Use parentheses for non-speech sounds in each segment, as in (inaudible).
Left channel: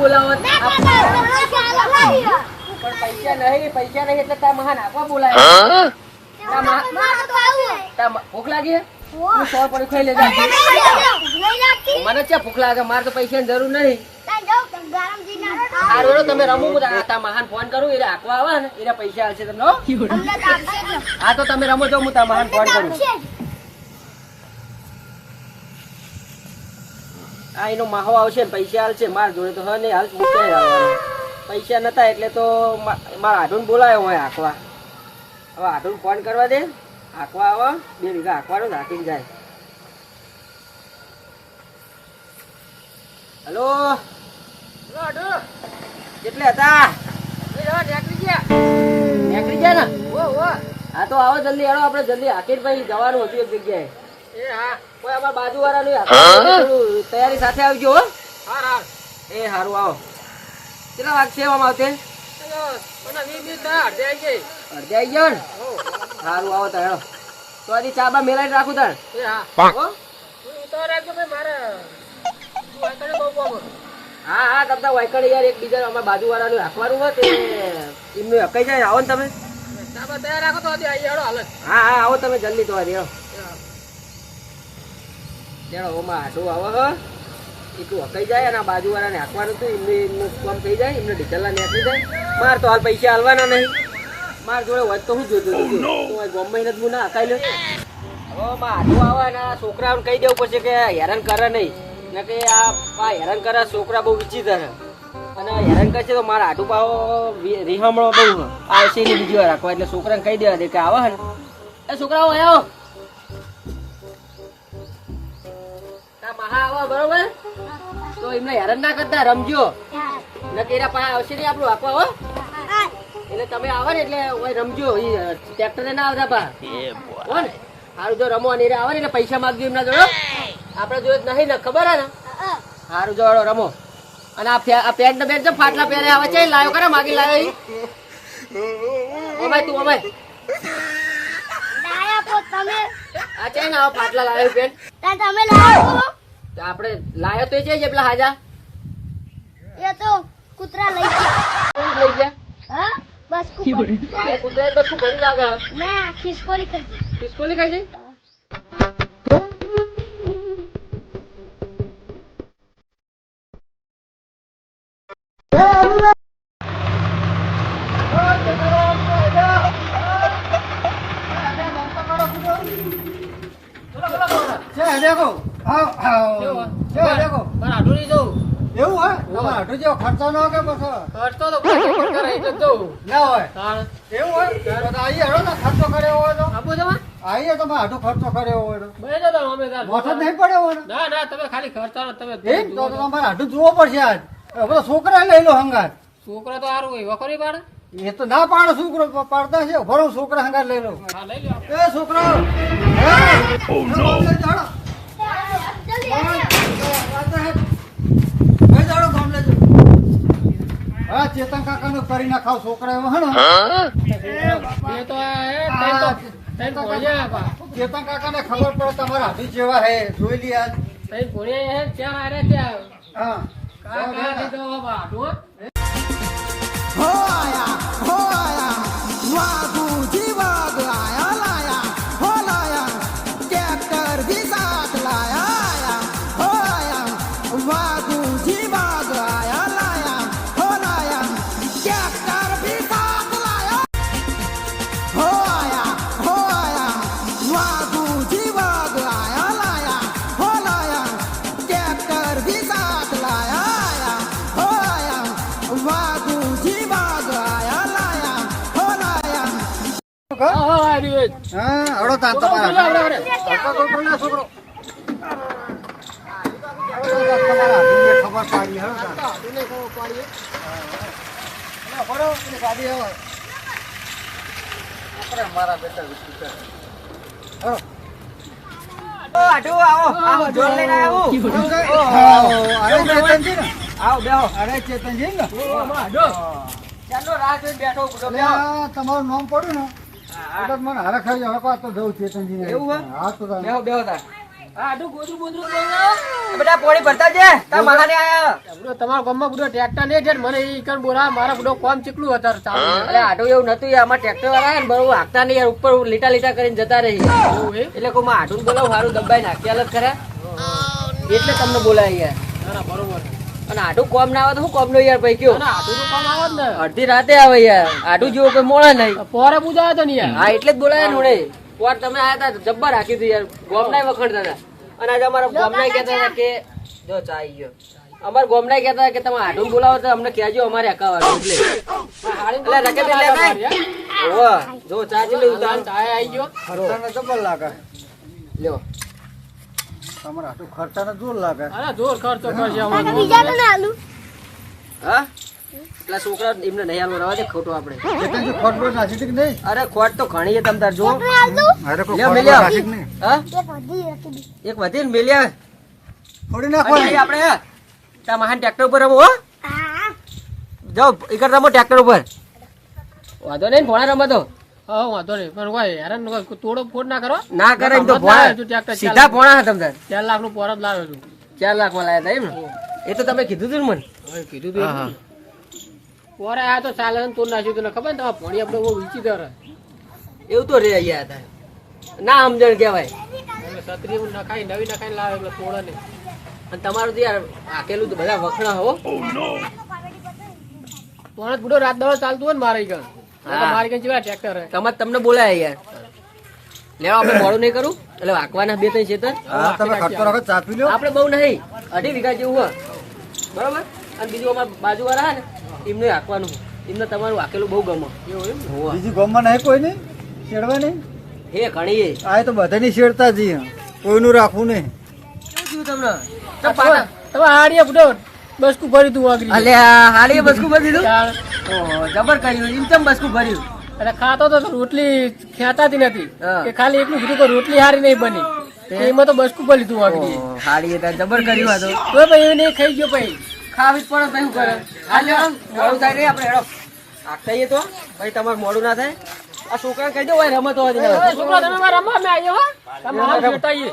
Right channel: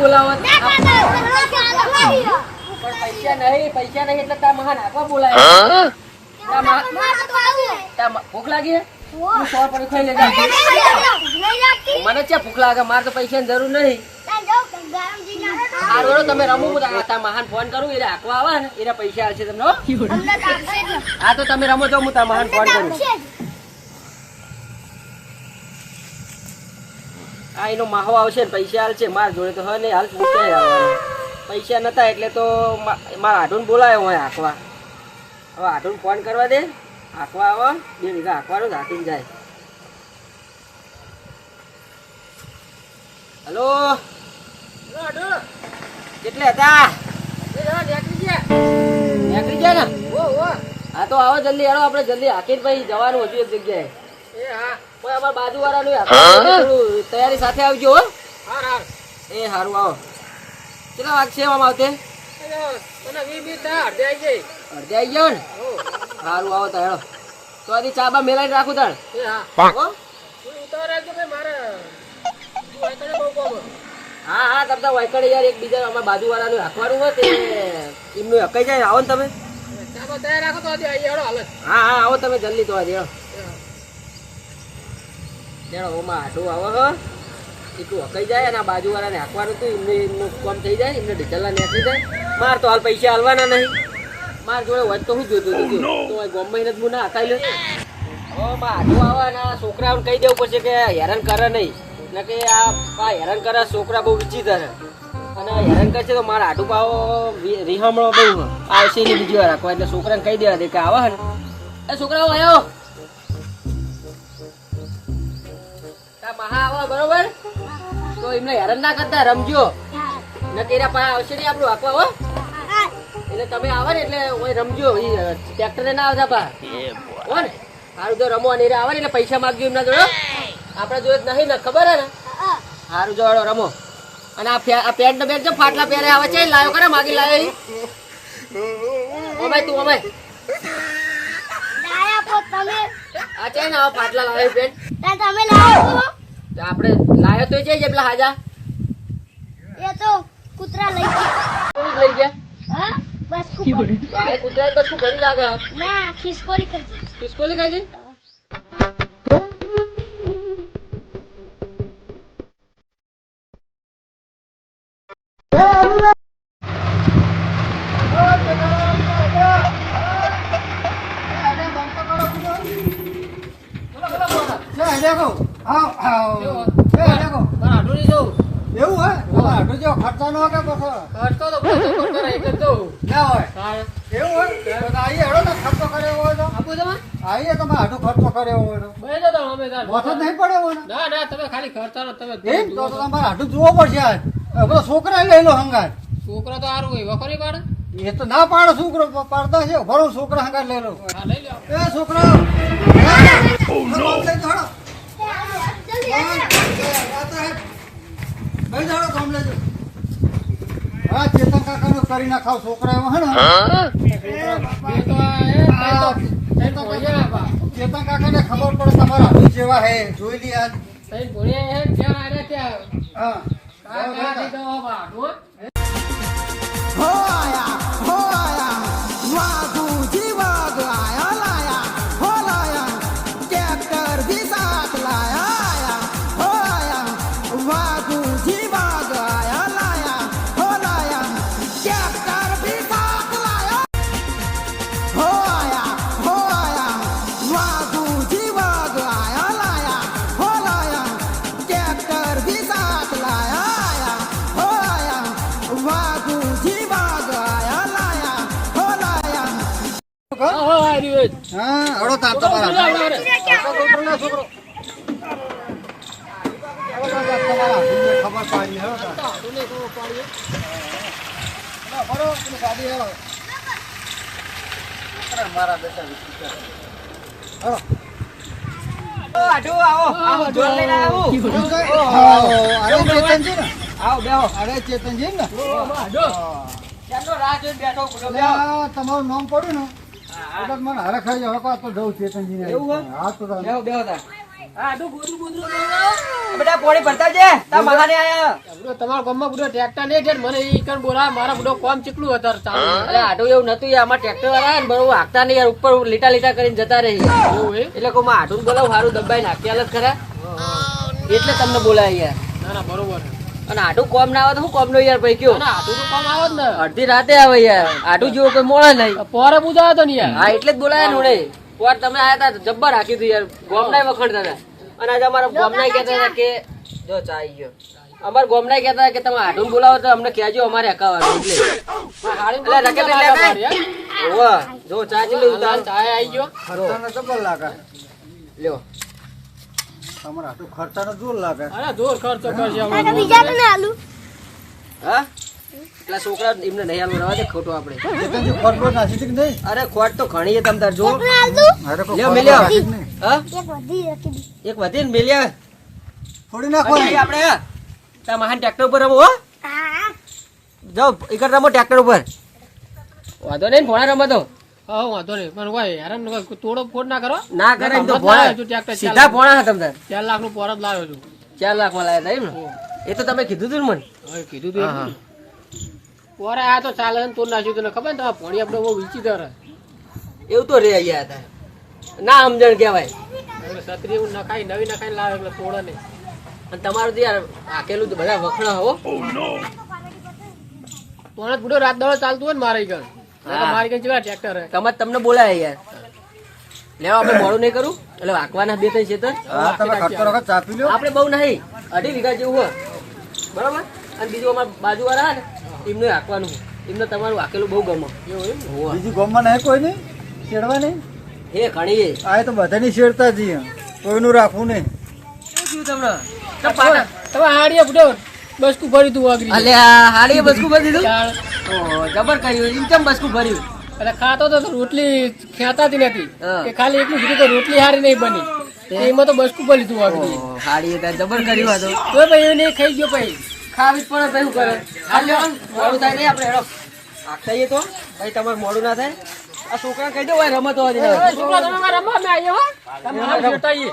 બોલાવો પણ પૈસા નહીં પૈસા નહીં એટલે તાર મહાન આખવા બોલાય. ભૂખ લાગી હે? સો પર ખાઈ લેજે. મને ક્યાં ભૂખ લાગે? મારે તો પૈસાની જરૂર નહીં. આ તમે રમો આ મહાન ફોન કરું એટલે આખવા આવે ને એના પૈસા હશે તમને હો? હા તો તમે રમો તો હું તાર મહાન ફોન કરું તાપશે જ. આ એનો માહો આવશે ને પૈસા હાલશે મારા જોડે તો હ નહીં હાલ મૂકે પૈસા નતા એટલે તો મારા આઢું બોલાયો હોય આખવા હવે આઢું ફોન કરવા દે. આખવા આવો. બે વીઘા આખવાનો જ હાકીને જાય. હલો? કેટલે હતા? નીકળી ગયા. ને? હા તો આવો જલ્દી હાલો આપણે જલ્દી હાકીને ભાઈ જવાનું હતું એક જગ્યાએ. કોઈ અમારા બાજુ વાળાનું તૈયારી સાથે આવજો હો. એ સારું આવો. કેટલા વાગ છે આમ આવતે અડધે આવી ગયો ને? સારું આવો તાર હેડો. તો આની ચા બા મેલાઈને રાખું તાર હો? હા? હા તમ તાર વાયકડે યાર એક બીજા અમારા બાજુ વાળાનું રાખવાનું હોય તે એમનું હકાઈ જાય આવો ને તમે. હા હા આવો તમે જલ્દી તો આજે ચાલો ઓમાં આવો હો. એટલું હકાઈ જાય અને બાજુવાળાને બાજુ હાંકવાનું હતું એમને એમનું કામ થઈ જાય એમને ડીઝલના નીકળી જાય. માર તો હાલ પૈસા હાલવાના નહીં. માર જોડે હોય તો હું જોતું હતું તો આ ગોમમાં હું ના હકાઈ લે. હવે માં આટું આવે અને આ છોકરાઓને કહી દેવું પડશે કે હેરાન કરે નહીં. ને કે આ હેરાન કરે છોકરા બહુ વિચિત્ર છે. અને હેરાન કરશે તો મારા આટુ પાવો રિહામણો બહુ. આવશે ને બીજી વાર રાખવા એટલે છોકરાને કહી દેવા દે કે આવે ને. એ છોકરાઓ આવો. મહા આવો બરોબર? તો એમને હેરાન ના કરતા રમજો. ને તેરા પાસે આવશે નહીં આપણું આખવા હો? હા. એટલે તમે આવો ને એટલે ઓય રમજો. ટ્રેક્ટર ના આવતા પા હો ને? હારું જો રમો અને આવે ને એટલે પૈસા માગજો એમના જોડો આપણે જોડે નહીં ને ખબર હે ને? હારું સારું જો રમો. અને આ પેન્ટ ને બેન્ટ છે ફાટલા પહેરે આવે છે લાયો કરે માગી લાયો ઓમાય તું ઓમાય લાયા પો તમે. આ ચેન આવો ફાટલા લાયો પેન્ટ. તમે લાવો. આપણે લાયો તો છે પેલા હાજા. એ તો કૂતરા લઈ ગયા. કોણ લઈ ગયા? હા બસ (laughs) કૂતરા. તો શું કરી લાગે? ના ખિસકોલી કરી ખિસકોલી ખાઈ એવું હોય? તમારે જેવો ખર્ચો ન કે પછી. ખર્ચો તો ખર્ચો કરે એક જ ના હોય. એવું હોય? તો તો આઈએ હેડો ને ખર્ચો કર્યો હોય તો. આપો તમે આઈએ તમે હાટુ ખર્ચો કર્યો હોય તો. બે જતા અમે તાર. મોથો નહીં પડ્યો હોય ના? ના તમે ખાલી ખર્ચાનો તમે એમ તો તો તમારે હાટુ જોવો પડશે આજ. હવે છોકરા લઈ લો હંગાર છોકરા તો સારું હોય વખરી પાડે? એ તો ના પાડો છોકરો પાડતા છે. ભરો છોકરા હંગાર લઈ લો. હા લઈ લો એ છોકરો. ચેતન કાકા નું કરી નાખાવ છોકરા એમાં ચેતન કાકા ને ખબર પડે તમારા હાથી જેવા હે જોઈ લી હે હા, હા, આ હા અડો છોકરો તમારા હાથીને ખબર પાડી ખબર પાડીએ. ના, ભરો, પેલી ગાડી આવે. આપણે મારા બેટા વિચિત્ર. હળો. આવો, આવો, જોર લઈને આવું. ઓહો, ચેતનજી ને આવો, બેહો. અરે ચેતનજી ને ઓ, આમાં ચાલો, રાહ જોઈને બેઠો, બેઠો, એટલે બેહો. આ તમારું નામ પડ્યું ને એટલે મને હરખ આવી જાય. હકવા તો જવું ચેતનજી ને એવું હા? તો. બેહો, બેહો બધો તમારા ગામમાં બધો ટ્રેક્ટર નહીં છે ને? મને ઈ કણ બોલાવે મારા બધો કોમ ચીકલું અત્યારે ચાલુ અરે આટલું એવું નતું આમાં અમાર ટ્રેક્ટર વાળા ને બરોબર હાકતા નહીં યાર. ઉપર લીટા લીટા કરીને જતા રહી. એટલે કોઈ આટું બોલાવ સારું દબાઈ નાખ્યા જ ખરા? એટલે તમને બોલાય યાર. ના ના બરોબર. અને આટું કોમ ના આવે તો શું કોમ નો યાર ભાઈ કયો? આટું ના તો કોમ આવે ને. અડધી રાતે આવે યાર. આટું જોવો કોઈ મોડા નહીં. પોરે પૂજા હતો ને યાર. હા એટલે જ બોલાય ને ઉડે પોર તમે આયા હતા જબ્બર રાખી હતી યાર. ગોમ નાય વખણતા હતા અને આજે અમારા ગોમનાય કહેતા હતા કે જો ચા આવી ગયો. અમારા ગોમનાય કહેતા હતા કે તમે આડું બોલાવો તો અમને કહેજો અમારે હકાવાનું એટલે. એટલે રકે એટલે કાંઈ? હોવે. જો ચા ચેટલી ઉતાર. ચા આવી ગયો. ખરો. તમને જબ્બર લાગે. લ્યો. તમારે આટલું ખર્ચાનો જોર લાગે. અરે જોર ખર્ચો કરશે અમારે બીજા ને આલુ. હા? એટલા છોકરા એમને નહીં હાલવા રવા દે ખોટું આપણે. ખોટ બોટ નાખી કે નહીં? અરે ખોટ તો ઘણી છે તમતાર જો. લ્યો મિલ્યો. હા? એક વધી રાખી એક વધી ને મિલ્યા. થોડી નાખવાની. આપણે તા મહાન ટ્રેક્ટર ઉપર રમો હો. હા. જાઓ એકર રમો ટ્રેક્ટર ઉપર. વાંધો નહીં ભોણા રમો તો હા વાંધો નહીં. પણ કોઈ હેરાન તોડો ફોડ ના કરો. ના કરે તો ટ્રેક્ટર ચાર સીધા ભોણા હતા તમ ચાર લાખનું પોરત લાવ્યો છું. ચાર લાખમાં એમ? એ તો તમે કીધું તું મને. કીધું તું. પોરે આ તો ચાલે તો નાખ્યું તને ખબર ને? ભણી આપણે બહુ વીચી દર એવું તો રે અહીંયા હતા. ના સમજણ કહેવાય. સત્રી એવું નખાઈ નવી નખાઈ લાવે એટલે તોડે નહીં. અને તમારું તો યાર આકેલું બધા વખણા હો. પણ બુડો રાત દાડો ચાલતું હોય ને મારે હા. મારી કણ જેવા ટ્રેક્ટર હે તમારે તમને બોલાય યાર. લેવા આપણે મોડું નહીં કરું. એટલે વાંકવાના બે ત્રણ ખેતર. આપણે બહુ નહીં. અઢી વીઘા જેવું હોય. બરાબર? અને બીજું અમારા બાજુ વાળા ને એમને હાંકવાનું એમને તમારું વાકેલું બહુ ગમે. બીજું ગામમાં નહીં કોઈ નહીં? છેડવા નહીં? હે ઘણી. આ તો બધાની છેડતા જઈએ કોઈનું રાખવું નહીં. શું તમને? તમે તમે હાડીએ બુડો બસકું ભરી તું વાગરી અલ્યા હાડી બસકું ભરી જબર કર્યું એમ બસકું ભર્યું? એટલે ખાતો તો રોટલી ખેંચાતી નથી કે ખાલી એકલું કીધું કે રોટલી હારી નહીં બની. એમાં તો બસકું ભરી તું આગળ. હારી જબર કર્યું હતું તો. તો ભાઈ એવું નહીં ખાઈ ગયો ભાઈ. ખાવી પણ શું કરે? નહીં આપણે હેડો. જઈએ તો. ભાઈ તમારું મોડું ના થાય? આ છોકરા કહી દો હોય રમત હોય છોકરા તમે અમે આવીએ હો. તમે જોતા આવીએ.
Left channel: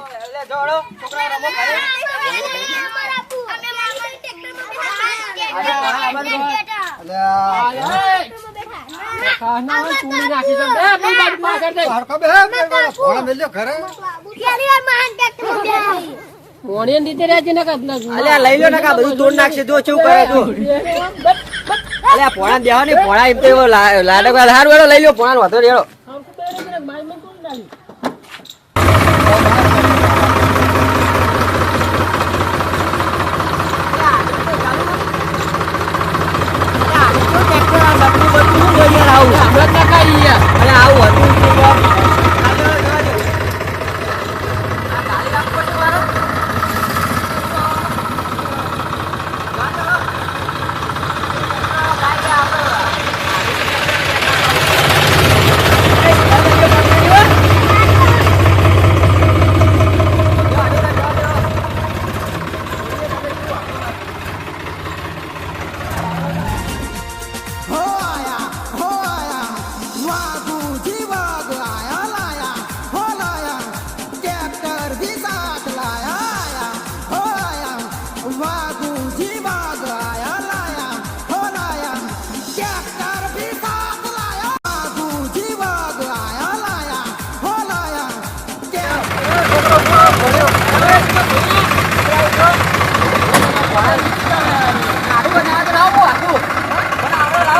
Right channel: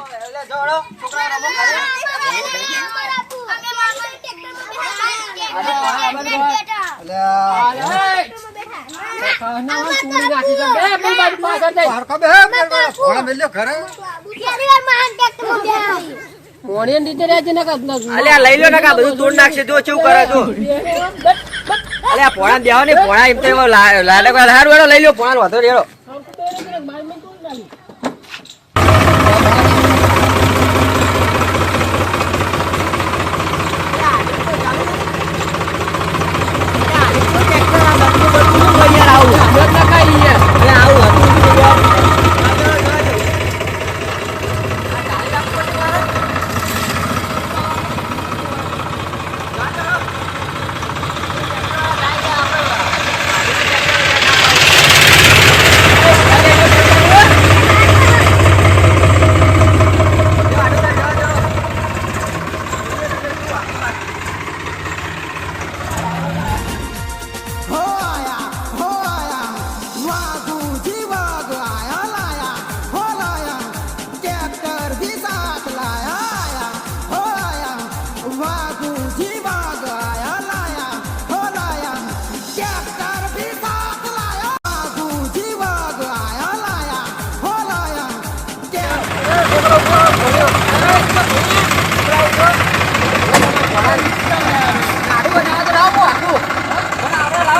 છોકરા રમો ઘરે. લઈ લો ને બધું તોડ નાખશે. જો શું કરે તું. અલ્યા પોણા દેવા ને પોણા એમ તો લાડક વાળા, હારું લઈ લો પોણા વાતો રેડો આવું. મારી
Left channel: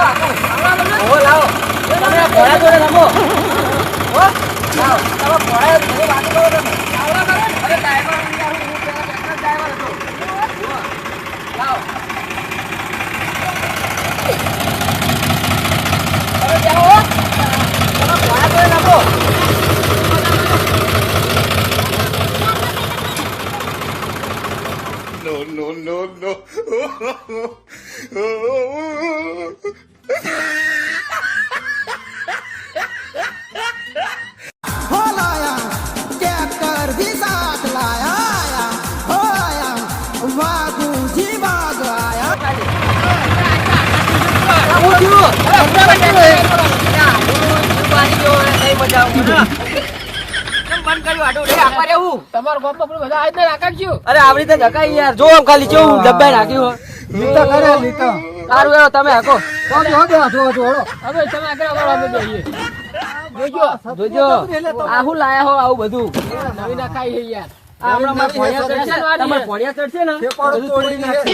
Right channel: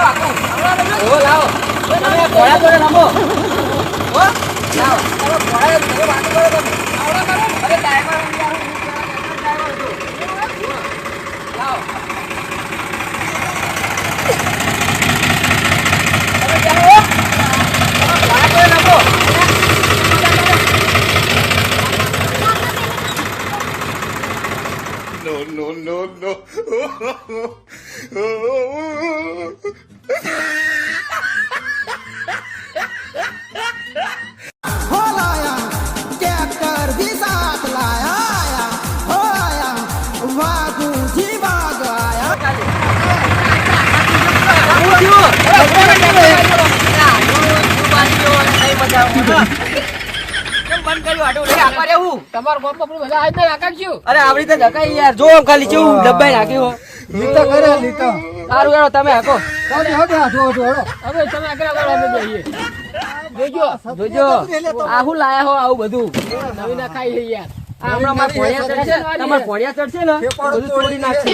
લાવો તમે પોણા જોડે રમો હો લાવો તમે પોણા તમે વાતો કરો તમે આવડા કરો ને અરે ડ્રાઈવર હું યાર હું પેલા ટ્રેક્ટર ડ્રાઈવર હતો હો, લાવો તમે જાઓ હો તમે પોણા જોડે રમો no, no, no. हो लाया ट्रैक्टर भी साथ लाया आया हो आया वागू जी वाग आया મજા બંધ કર્યું. આટલું નહીં આપવા રહેવું તમારા ગામમાં પેલું બધા આજ ને નાખાડ્યું અરે આવડી રીતે ધકાઈ યાર. જો ખાલી કેવું ડબ્બાઈ નાખ્યું હોય. કરે લીટા સારું હેડો તમે હાકો. કોણ હોગે આ જો જો હવે તમે આગળ આગળ અમે જઈએ. જોજો જોજો. આ શું લાયા હો આવું બધું. નવી છે યાર. ચડશે ને, બધું તોડી નાખશે.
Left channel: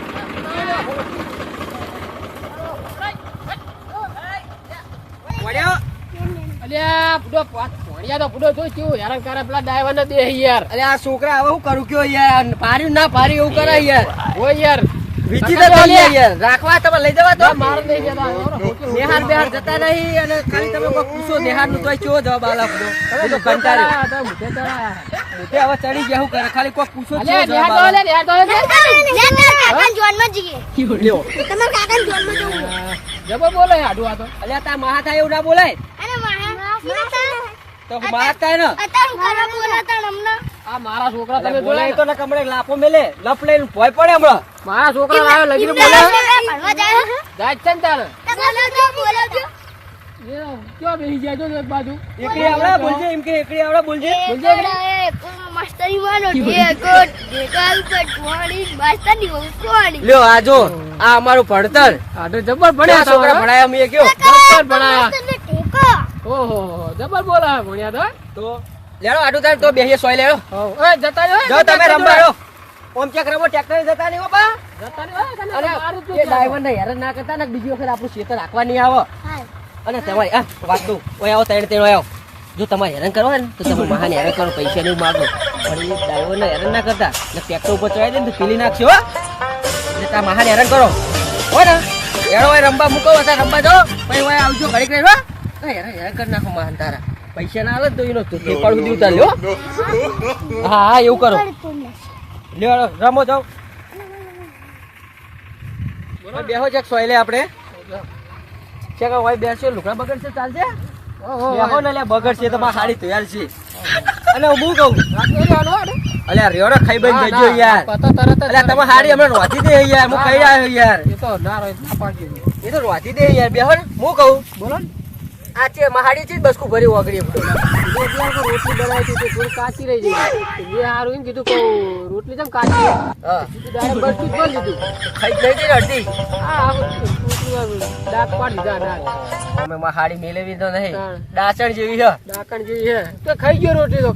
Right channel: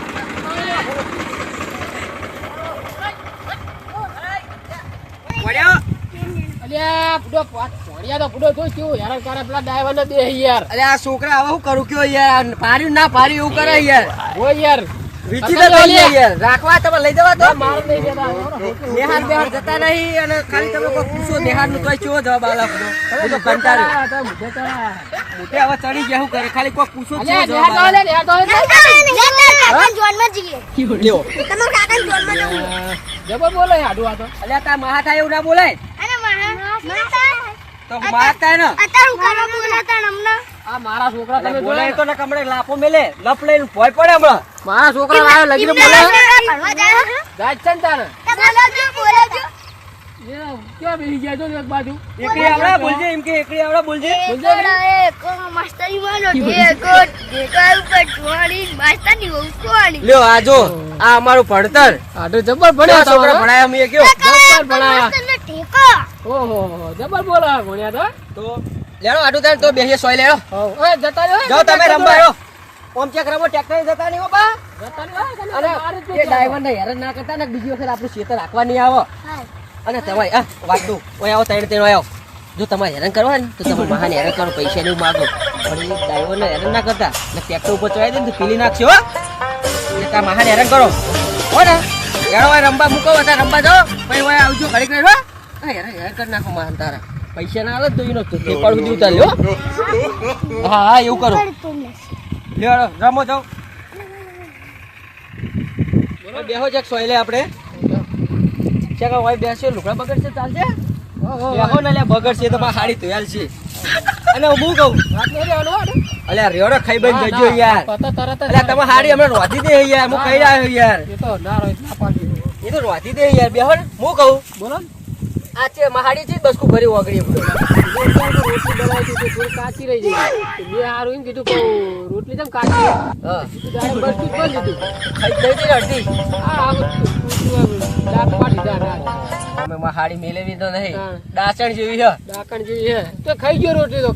અલ્યા બુડો ભણ્યા તો બુડો જોઈ કેવું હેરાન કરે પેલા ડ્રાઈવર ને દે યાર. અરે આ છોકરા હવે શું કરું? કયો યાર? પાર્યું ના પાર્યું એવું કરે યાર. હોય યાર. વીચી તો થઈ યાર. રાખવા તમે લઈ જવા તો. માર નહીં જતા નેહાર બેહાર જતા નહીં અને ખાલી તમે કોઈ પૂછો નેહારનું કોઈ ચો જવાબ આલા આપણો તો કંટાળ્યો. મુઠે હવે ચડી ગયા હું કરે? ખાલી કોઈ પૂછો ચો અલ્યા આલા. નેહાર તો નેહાર તો જોનમાં જઈએ લ્યો. તમારા કાકા જોનમાં જવું જબર બોલે હાડું આ તો. અલ્યા તાર મહા થાય એવું ના બોલાય? અને મહા તો મહા થાય ને? અત્યારે હું કરવા બોલાતા હમણાં? આ મારા છોકરા તમે બોલાય તો ને કમળે લાફો મેલે. લપ લઈને ભોય પડે હમણાં. મારા છોકરા આયા લગીને બોલે. જાય છે? ને તારે. બોલાવજો, બોલાવજો. એ ક્યાં બેસી જાય તો એક બાજુ? એકડી આવડે? બોલજે એમ કે એકડી આવડે? બોલજે. એકડા એક માસ્તરી વાળો એક ડેટા ઉપર ચોવાળી માસ્તરની બહુ ચોવાળી લ્યો આ જો આ અમારું ભણતર. જબર ભણ્યા છોકરા ભણાયા અમે કયો? જબર ભણાયા. ઓહો જબર બોલા ભણ્યા તો તો? લેડો આટું તાર તો બેસીએ સોય લેડો. હવ. એ જતા રહ્યો જો તમે રમવા રહ્યો. ઓમ ચેક રમો ટ્રેક્ટર જતા નહીં હો જતા તને મારું જ એ ડ્રાઈવર ને હેરાન ના કરતા ને બીજી વખત આપણું ખેતર રાખવા નહીં આવો. અને તમારી આ વાત તું ઓય આવો તૈણ ત્રણ આવો. જો તમારે હેરાન કરવા ને તો તમે મહાન હેરાન કરો પૈસા નહીં માગો. પણ એ ડ્રાઈવર ને હેરાન ના કરતા. ને ટ્રેક્ટર ઉપર ચડાવી દે ને પીલી નાખશો એટલે ત્યાં મહાન હેરાન કરો. હો ને. હેરો રંબા રમવા મૂકો હતા રમવા દો પછી આવજો ઘડીક રહેવા હેરાન હેરાન કરી નાખો મહાન તારા. પૈસા ના આવે તો એનો તો ઠેકાડ સુધી ઉતાર લ્યો હા. હા એવું કરો. લ્યો રમો જાઓ. બેહો ચેક સોયલે આપણે. ચેક હોય બેસ્યો લુકડા બગડશે ચાલશે? બેહો ને લે બગડશે તો મારી હાડી તૈયાર છે. અને હું કહું? અલ્યા રેડો ખાઈ બન જજો યાર. અલ્યા તમે હાડી હમણાં રોધી દે યાર હું ખાઈ આવ્યો યાર. એ તો ના રહે ના પાડી. એ તો રોધી દે યાર બેહો હું કહું? બોલો. આ છે મહાડી છે બસકુ ભરી ઓગળી રોટલી બનાવી હતી થોડી કાચી રહી ગઈ મેં હારું એમ કીધું કે રોટલી કેમ કાચી બરફી જ દીધું ખાઈ ગઈ અડધી અમે મહાડી મેળવી તો નહીં. ડાસણ જેવી છે ડાકણ જેવી છે તો ખાઈ ગયો રોટલી તો.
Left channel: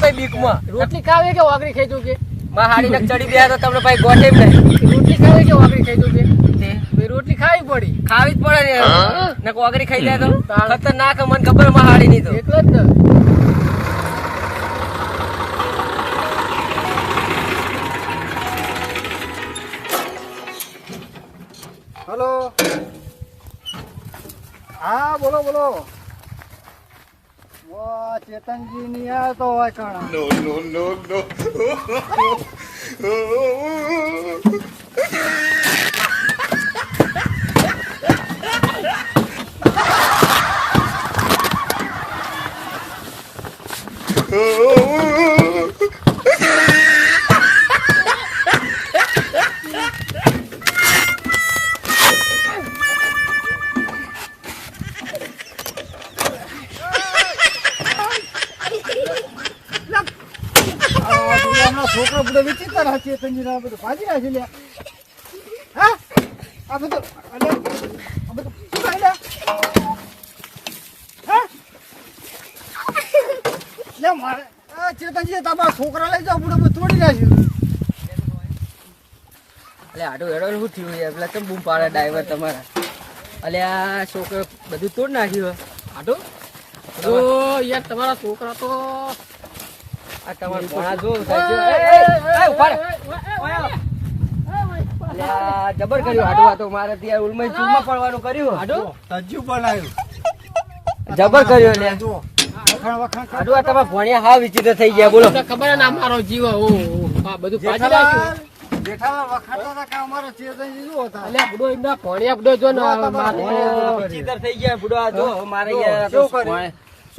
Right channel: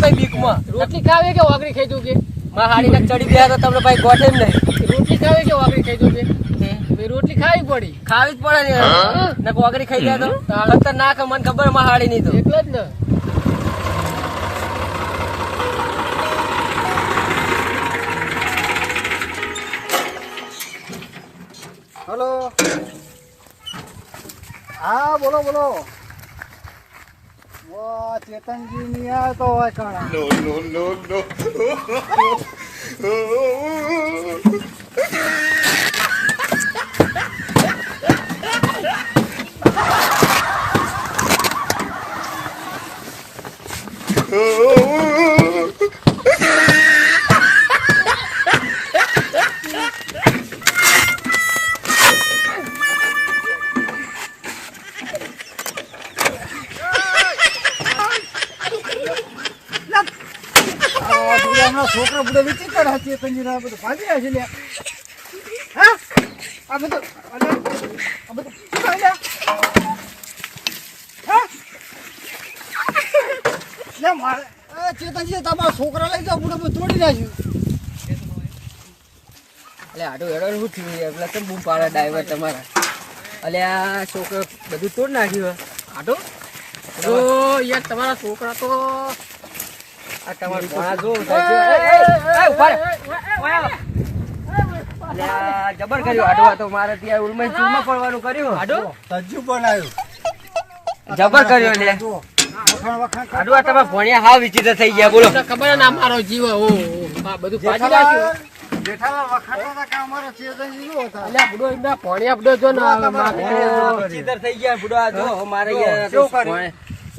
ખાઈ બીકમાં. રોટલી ખાવે કે વાગરી ખાઈ દઉં કે મહાડી ને ચડી ગયા તો તમને ભાઈ ગોટે નહીં રોટલી ખાવે કે વાગરી ખાઈ દઉં કે તે રોટલી ખાવી પડી. ખાવી જ પડે ને. નકો વગરી ખાઈ જાય તો ખતરનાક હે, મને ખબર મહાડી નહીં તો. એટલે જ ને. હલો. હા બોલો બોલો. ચેતનજી ની આવતો હોય કણ. આ ના બધું ભાજી રહ્યા છે. હા? આ બધું અલે, આ બધું શું હા? લે મારે ચેતનજી તમારા છોકરા લઈ જાઓ બધું બધું તોડી નાખ્યું. એટલે આડો એડો શું થયું યાર? પેલા કેમ બૂમ પાડે ડ્રાઈવર તમારા? આ છોકરો બધું તોડી નાખ્યું. આટો તો યાર તમારા છોકરા તો આ તમારા જો જબર કર્યું હાડો તો મારે ત્યાં ઉલમાઈ ચૂરમાં પડવાનું કર્યું. હાડો? તજ્જુ બનાવ્યું. જબર કર્યો લે જુઓ. વખાણ વખાણ કર. હાડો આ તમે ભણ્યા હા વિચિત્ર થઈ ગયા બોલો. ખબર ના મારો જીવ ઓ આ બધું પાછી રાખ્યું. ભણ્યા બુડો જો થઈ ગયા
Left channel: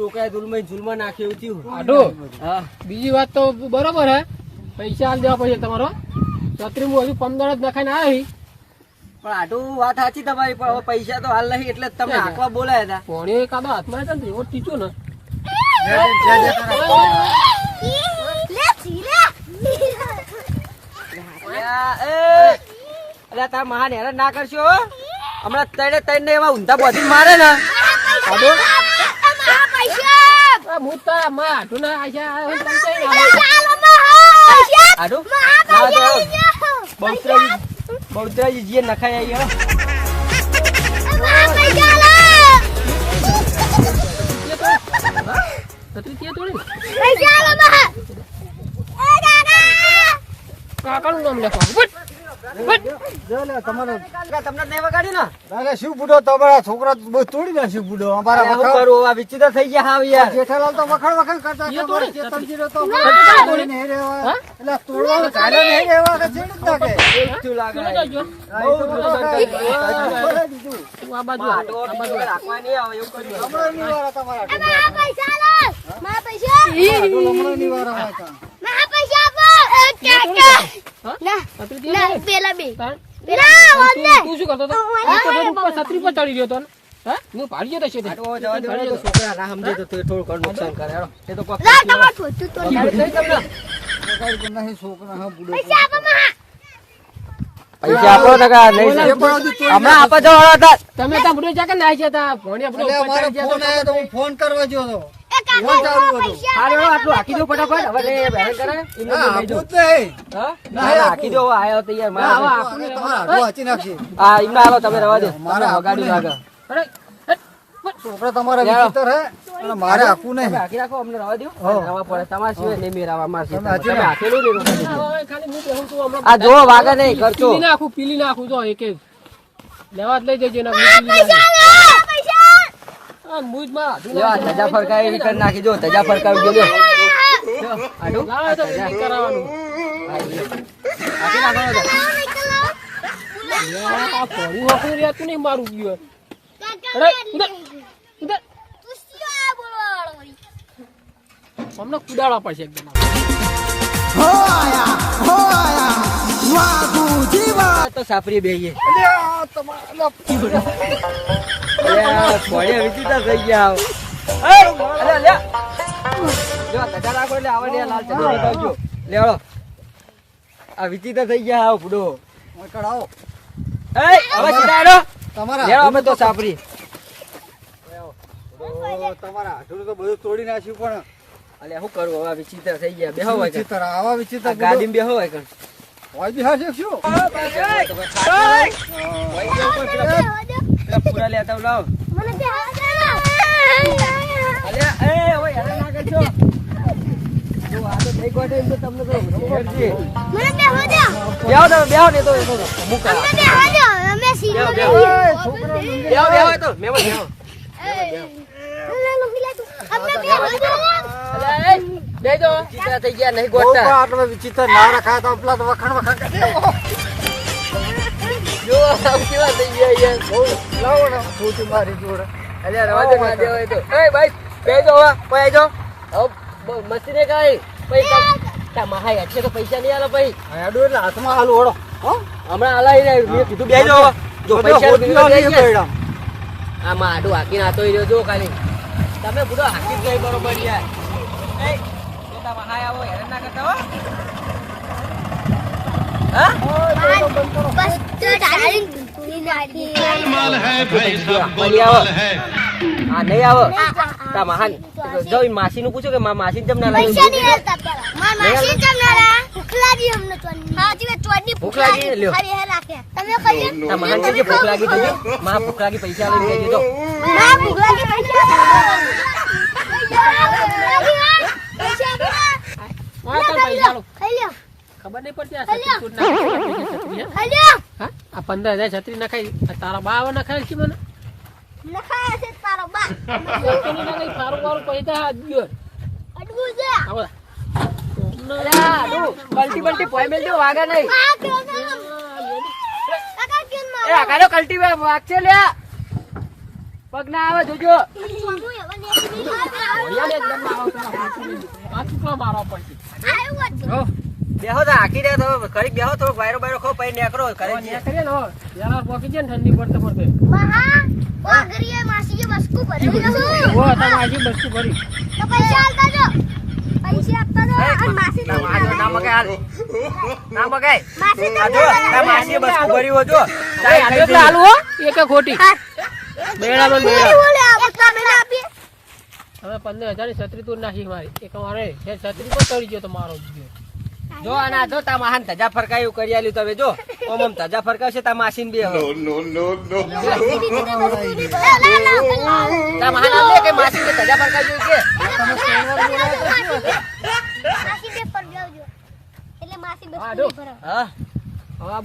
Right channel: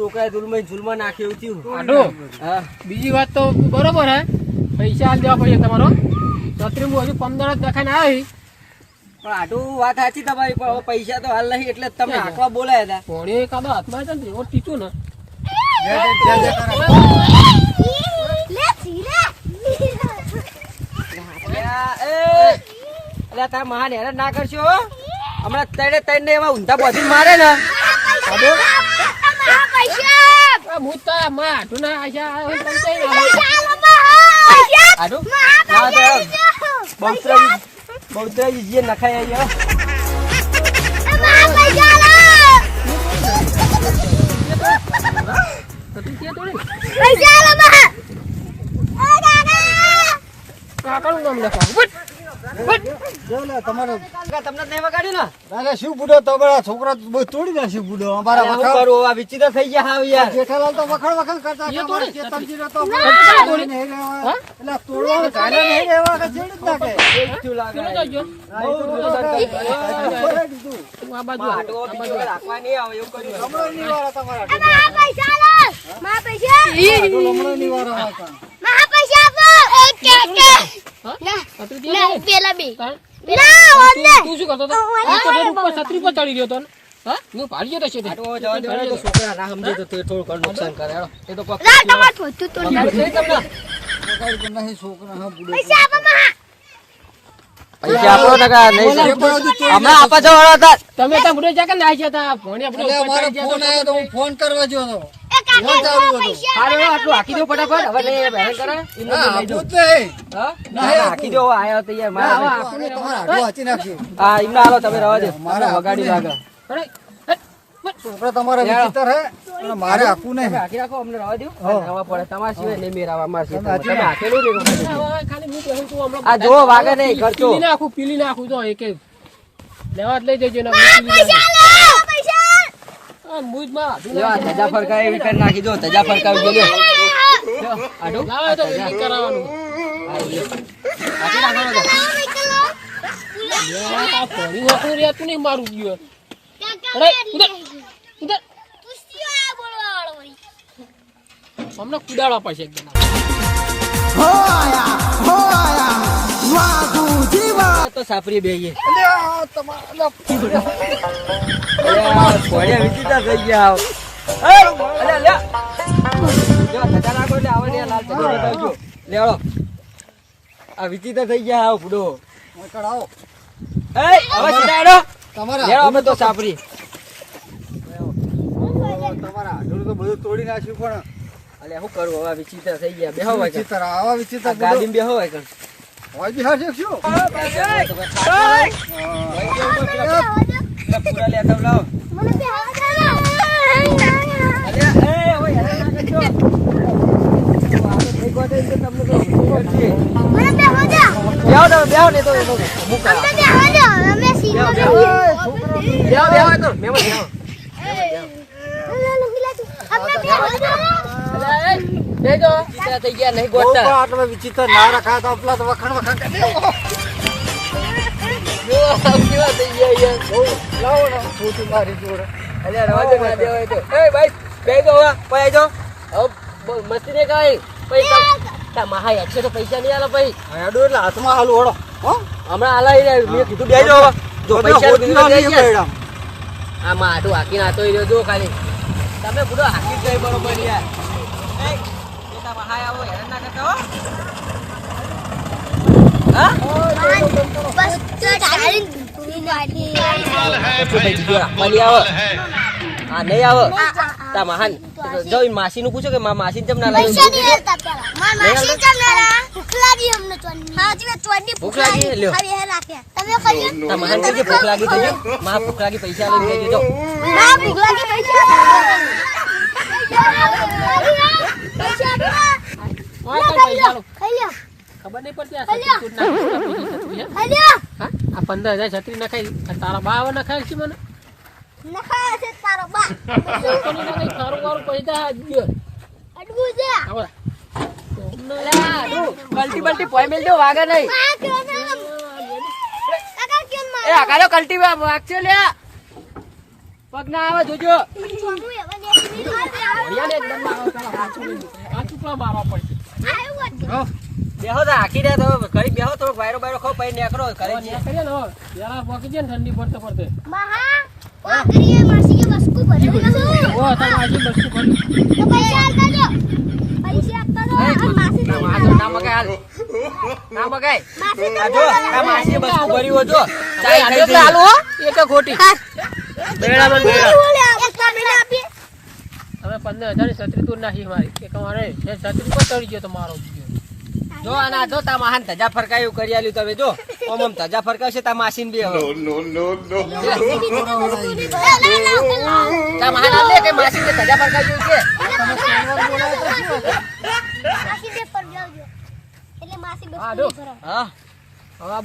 ઉલમાઈ ઝુલમાં થયું. હા. બીજી વાત તો બરોબર હે. પૈસા હાલ દેવા પડશે તમારો. છત્રીમું હજુ પંદર જ નખાઈને આવી. પણ આટલું વાત સાચી તમારી પણ પૈસા તો હાલ નહીં એટલે તમે આંકવા બોલાયા હતા. એ એકાદો હાથમાં હતા ને એવો ટીચો ને. અલ્યા તાર મહાન હેરાન ના કરશો હમણાં તને તને એવા ઊંધા બોધી મારે ને. હું તો માં હાડું ના આશા આવ્યો ને તને કઈ ના તો આવો. બહુચરાજી બહુચરાજી જે નખાય આવી હો. તો તું ક્યાં તોડી? પૈસા કાકાનું નામ લખવાનું તમારો પૈસા આપો ના છત્રી ના ત્યાં તોડી. પેલા બે તાણ. પેલા તું તું શું કરતો હતો? છત્રી પર ચડી ગયો હતો હા? હું જતો છે તો. છોકરા ના સમજે તો થોડું ઘણું નુકસાન કરે એ તો કોક લા કરશે. તમાર ફોટો તો વગાડી દઈ તમને. વગાડી તો નહીં છોકરા હા બુડો પૈસા આપો કાં નહીં હમણાં હતા તમે ત્યાં બુડો જાકે ના ચડી ગયા ફોન આવ્યો તો હું ફોન કરવા ગયો હતો. ફોન ચાલુ હતો હારે આટલું હાકી દો ફટાફટ. હવે નહીં હેરાન કરે. એમને લઈ દો. આપવું જ નહીં. હા? ના, ના, હાકી દો આયો તો યાર મારા આપણે તમારા હાડું હાંચી નાખીએ. હા એમને હાલો તમે રવા દો મારે લાગે છોકરા તમારા વિચિત્ર હે. અને મારે આપવું નહીં હાકી રાખો અમને રવા દો. રવા પડે તમારા સિવાય નહીં મેં સિવાય. હાચી તમે. હાકેલું નહીં ખાલી આ જો વાગે નહીં ખર્ચો પીલી નાખું પીલી નાખું જો એક એક લેવા જ લઈ જજો ના પીલી નાખું. ફરકાવી એવી કરી નાખી દો ધજા ફરકાવી. તો વેલ્ડિંગ કરાવવાનું હા, લ્યો. હાકી નાખો યાર, આ ભણ્યું હોકું રહેતું નહીં મારું ગયું અરે ઉધર ઉધર હમણાં કુદાડવા પડશે એકદમ હો આયા હો આયા વાગુ જીવા તો સાપરી બેહીએ આ તમારા ભોળિયા વિચિત્ર થઈ ગયા. એ, અલ્યા, લ્યા. જો, ધજા નાખો એટલે આવે ને લાલ ચડો બતાવજો. લેવડો. આ વિચિતા થઈ ગયા આવ. મોકળ આવો. એ, હવે સીધા તમારા લેવડો, અમે તો સાપરી તમારા હાડું તો બધું તોડી નાખ્યું પણ અલ્યા શું કરવું હવે વિચિત્ર થઈ ગયા બેહો હોય. વિચિત્ર આવા વિચિત્ર ગાડીમાં બેહો હોય કણ. હોય બિહાર છે શું પૂરા લેતા આવો, લાવો. અલ્યા, હેરાન ના. જો, આ તો તમને તો ભાઈ, મસ્તી પૈસા નહીં આલે પછી. હાડું એટલે હાથમાં હાલું વળો હો હમણાં આલાઈ રહ્યા. મેં કીધું હાકીને આતો રહ્યો જો ખાલી તમે બધો હાકી જ ગઈ બરોબર યાર. એ, જોતા મહાઈ આવો હેરાન ના કરતા હો. હા? કશું ભાઈ બીજો રાખવાની આવે. હા નહીં આવે. તા મહાન જો ઈ માસીનું પૂછો કે મા માસી ચમ ના લાવી ભૂખ લાગી? લ્યો. તમે કહીએ તા મહાન કહીએ ભૂખ લાગી થઈ મા ભૂખ લાગી પૈસા લઈ લેજો ના ભૂખ લાગી પૈસા હા, ચાલ પૈસા લો. ખબર નહીં પડતી આ છત્રી હે? આ પંદર હજાર છત્રી નખાઈ તારા બા નખાય છે મને. નખાયા છે તારો બા. સારું વારું પૈસા આ દ્યો. અડવું છે. આવો. અલ્યા, બલ્ટી પોઈ મેલ દે, વાગે નહીં. આ કેમ આમ? કાકા કેમ એ આકારો કલ્ટી વાગશે લ્યા. પગ ના આવે જોજો બેહો તો આખી રહ્યા તો ઘડીક બેહો તો વાયરો બાયરો ખો પછી નેકરો ઘરે છે. પેલા પોકી જાય ને ઠંડી પડતે પડતે. મહા ઓગરીએ માસી કે બસકુ ભરી. ઓ, તો આજે બસકુ ભરી. તો પૈસા આપતા જો આપતા આ માસી ના, જોડે ના મગાય હાલ. ના મગાય. માસી આ જો, આ માસીએ બસકું ભર્યું હોય જો. અરે, તો હાલું હો. એક ખોટી. મેળામાં કેવી મેળા. બોલે આ બધા હવે પંદર હજારની છત્રી તોડ નાખી મારી એક મારે છત્રી પર કરી ગયો તો મારો જો આના જો તા મહાન ધજા ફરકાયું કરી આલ્યું તમે જો ઓમ ઓમ ધજા ફરકાવશે તા માસીન બે હવે. તા મહાન આલે કે માસીન કે ધજા ફરકાવ્યું છે જાવજો એટલે માસી હા, બસ્તુ જો. ભરાવ હા.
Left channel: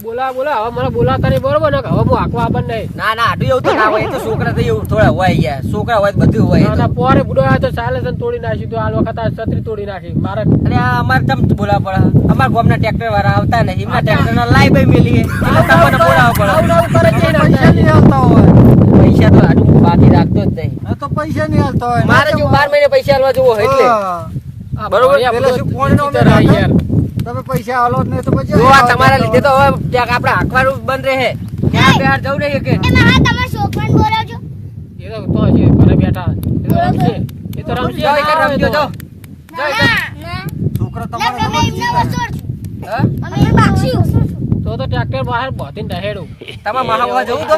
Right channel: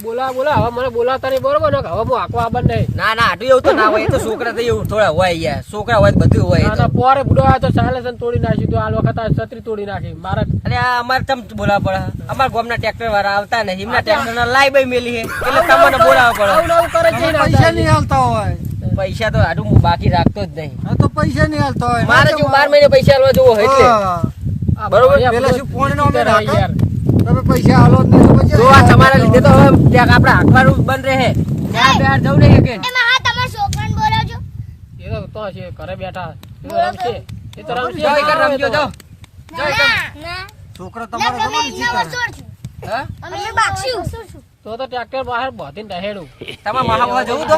બોલા બોલા હવે મને બોલાવતા નહીં બરોબર ને હવે હું આખો આબર નહીં. ના ના આડું એવું તો ના હોય તો છોકરા તો એવું થોડા હોય યાર. છોકરા હોય બધું હોય ના, પોરે બુડો આવ્યો તો ચાલે તોડી નાખ્યું તો આ વખત છત્રી તોડી નાખી મારે અરે અમારે તમ બોલા પડે. અમારા ગામના ટ્રેક્ટર વાળા આવતા નહીં. એમના ટ્રેક્ટર ના લાઈ ભાઈ મેલી એટલે તમને બોલાવવા પડે. ને પૈસા તો આટલું બાકી રાખતો જ નહીં. તો પૈસા નહીં હાલતા મારે જો બાર મહિને પૈસા આલવા જોવો એટલે. બરોબર, પેલા શું ફોન નો યાર. તમે પૈસા હાલો જ નહીં તો પછી જો આ તમારા લીધે તો હવે ક્યાંક આપણે આખવાનું બંધ રહે. ક્યાં બહાર જવું નહીં કે એ તમે તમારા છોકરાને બોલાવજો એ તો તો છે ઘરે બેઠા. એ તો રમશે. એ તો રમશે. જાઓ એક રમજો જો ના કર છોકરો તમારો તમે સમજ હે? અમે એ બાક્ષી તો તો ટ્રેક્ટર બહાર બોધીને દહેડું તમારે મહાગવા જવું તો?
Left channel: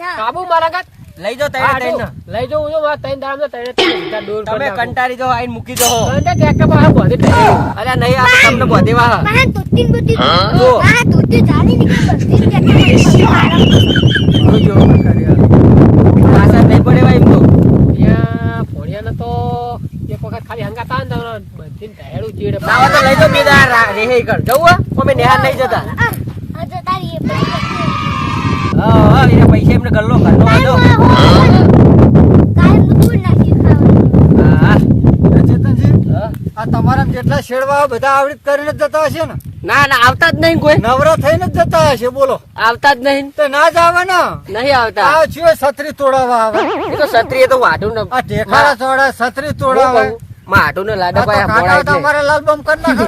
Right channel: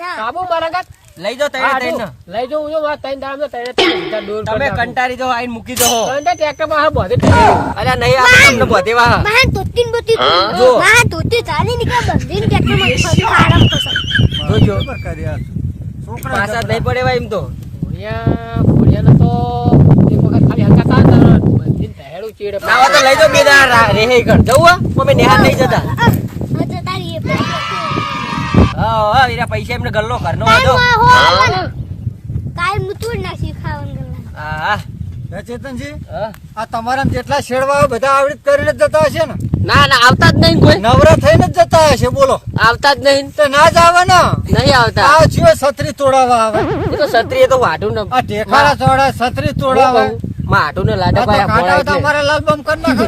ના. કાબુ મારા કાંઈ? લઈ જાઓ તૈયાર થઈને લઈ જવું જો મારા તૈયાર દામ દૂર તમે કંટારી કંટાળી જો આઈને મૂકી દો ત્રણે ટ્રેક્ટર પર બોધીને દહેડું. અરે નહીં આ તમને બોધી વા હા ધોતીન બોધી જો. ધોતી ચાલી નીકળ્યા બસ્તી કે જોજો પાછા નહીં પડે ભાઈ એમ તો. અહીંયા ભોળિયાને તો એક વખત ખાલી હલકા ચીડે. તો લઈ જાઓ બે દાડા રહે કર જવું હે? અમે નેહાર નહીં જતા. પૈસા હા એના પૈસા એમને ગલ્લો હતો તમારા જેટલા શેડવા બધા આવડત કરીને જ જતા હશે ને? ના ના આવતા જ નહીં કોઈ. નવરા થઈને જ જતા હશે બોલો. આવતા જ નહીં. તો ના જ આવે ને? નહીં આવતા. આ જીવે છત્રી તોડાવા આવે. એ તો છત્રી એ તો વાઢું ને આ ટેકાળા ચોડા છત્રી તોડાવે. આઢું ને આ લાડક તો આયા કાંટા પોળા તો એટલે. અમારા લાલ બમ નાખો.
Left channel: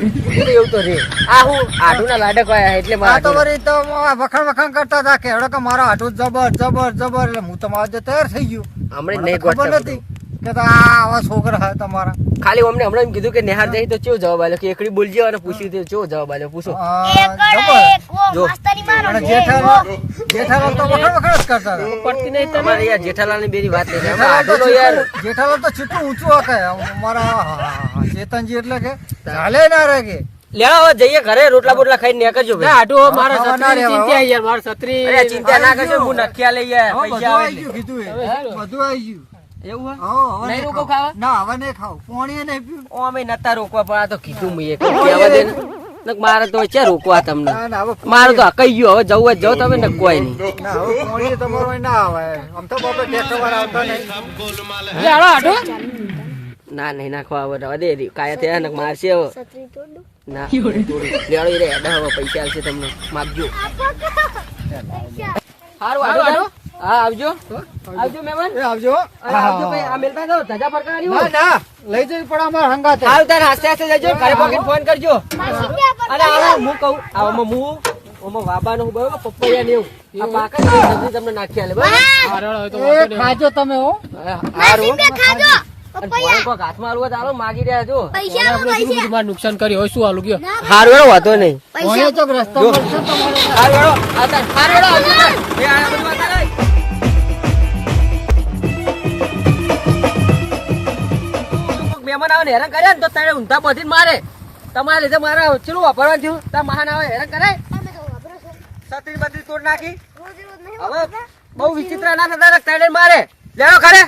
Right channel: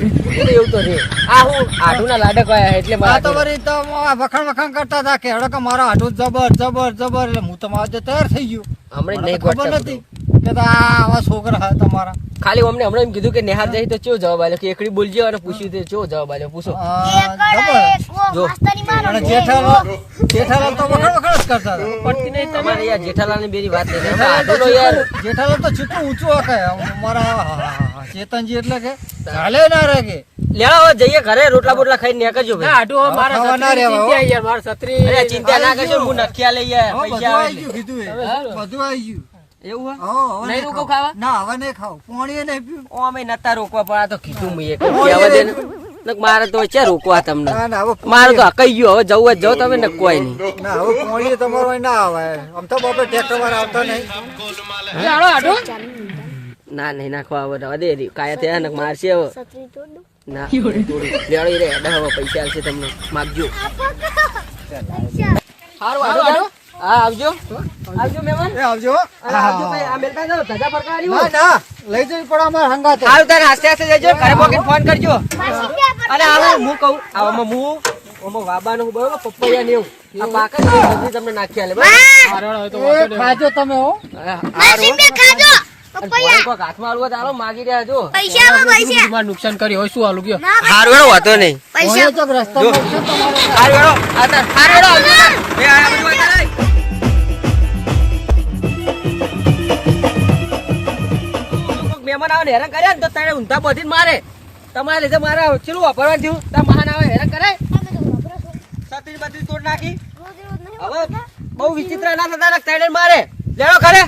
એવું તો છે. આ હું આઢું ના લાડક આયા એટલે મારા તો. તો વખાણ વખાણ કરતા હતા કે મારા આટુ જબર જબર જબર એટલે હું તો મારા તૈયાર થઈ ગયું. હમણાં નહીં ખબર નથી. કે તો આવા છોકરા હા તમારા. ખાલી અમને હમણાં એમ કીધું કે નેહાર જઈ તો ચેવો જવાબ આલ્યો કે એકડી બોલજે અને પૂછી તો ચેવો જવાબ આલ્યો પૂછો. જો. અને જેઠાલાલ જેઠાલાલ તો વખાણ વખાણ કરતા પડતી નહીં તમારી યાર જેઠાલાલની બેરી વાત નહીં યાર. જેઠાલાલ તો ચીટલું ઊંચું હકે અમારા ચેતનજી એટલે કે ચાલે ના રહે કે. લેવા જઈએ ઘરે રોટલા બોટલા ખાઈને નીકળજો ના, ભાઈ આટલું મારા સત્રી ના રહેવા, ચિંતા યાર, મારા સત્રી અરે ચિંતા ના કરશો હું નખિયા લઈ યાર હા, બધું પૈસા આવે આવી ગયું. બધું આવી ગયું. એવું હા, નહીં નહીં રોકો ખાવા? ના હવે નહીં ખાવ. પાણી નહીં પીવું. ઓ, નતા રોકવા પણ આ તો કીધું મેં એક કહેવા દે ને. મારે તો છે રોકવા તમને? ના ના હવે મારે તો કઈ ગયો હવે જવું જ જાઓ તમે ને કોઈ નહીં. ના હવે પાણી તમારો ના આવે આમ તો બાપરે ટ્રેક્ટર વાળા આવતા નહીં. લે, હાલો, આટલું. ના નહીં નાખવા હવે રવા દે. કાયા થયા ને મારશે હવે. ના. રે. હવે પૈસા આવશે તમને. માપજો સારું આડો હા આવજો. આવજો મહેમાન. આવજો. આવજો ભાઈ આ મેલભાઈ જાઓ ધજા ફરકારી ના ના. લઈ જવી પડે અમારે હંગાતે. હાલ તારે આસ્તે આસ્તે જજો. ઘરે પોકે ફોન કરજો. હું કહું. આમાં હું આમાં વાબાનું બરોબર પપૈયા ને એવું. આ પાકે તમને નાખી આલે. બરાબર. ખાજો તમે હો. ખાજો. નુકસાન કર્યું હોય શું હાલું ગયો ના હારું વાંધો નહીં. પૈસા. તો રસ્તા મહેમાન આવે હેરાન કર્યા ને તો તારે ઊંધા બધી મારે. તમારા લીધે મારે ચેલું વાપરવાનું થયું. તાર મહાન આવે, હેરાન કરાય. સતી બધી તોડ નાખી. હવે બહુ વિચિત્ર ના થતા તારે મારે. લેડો ખરે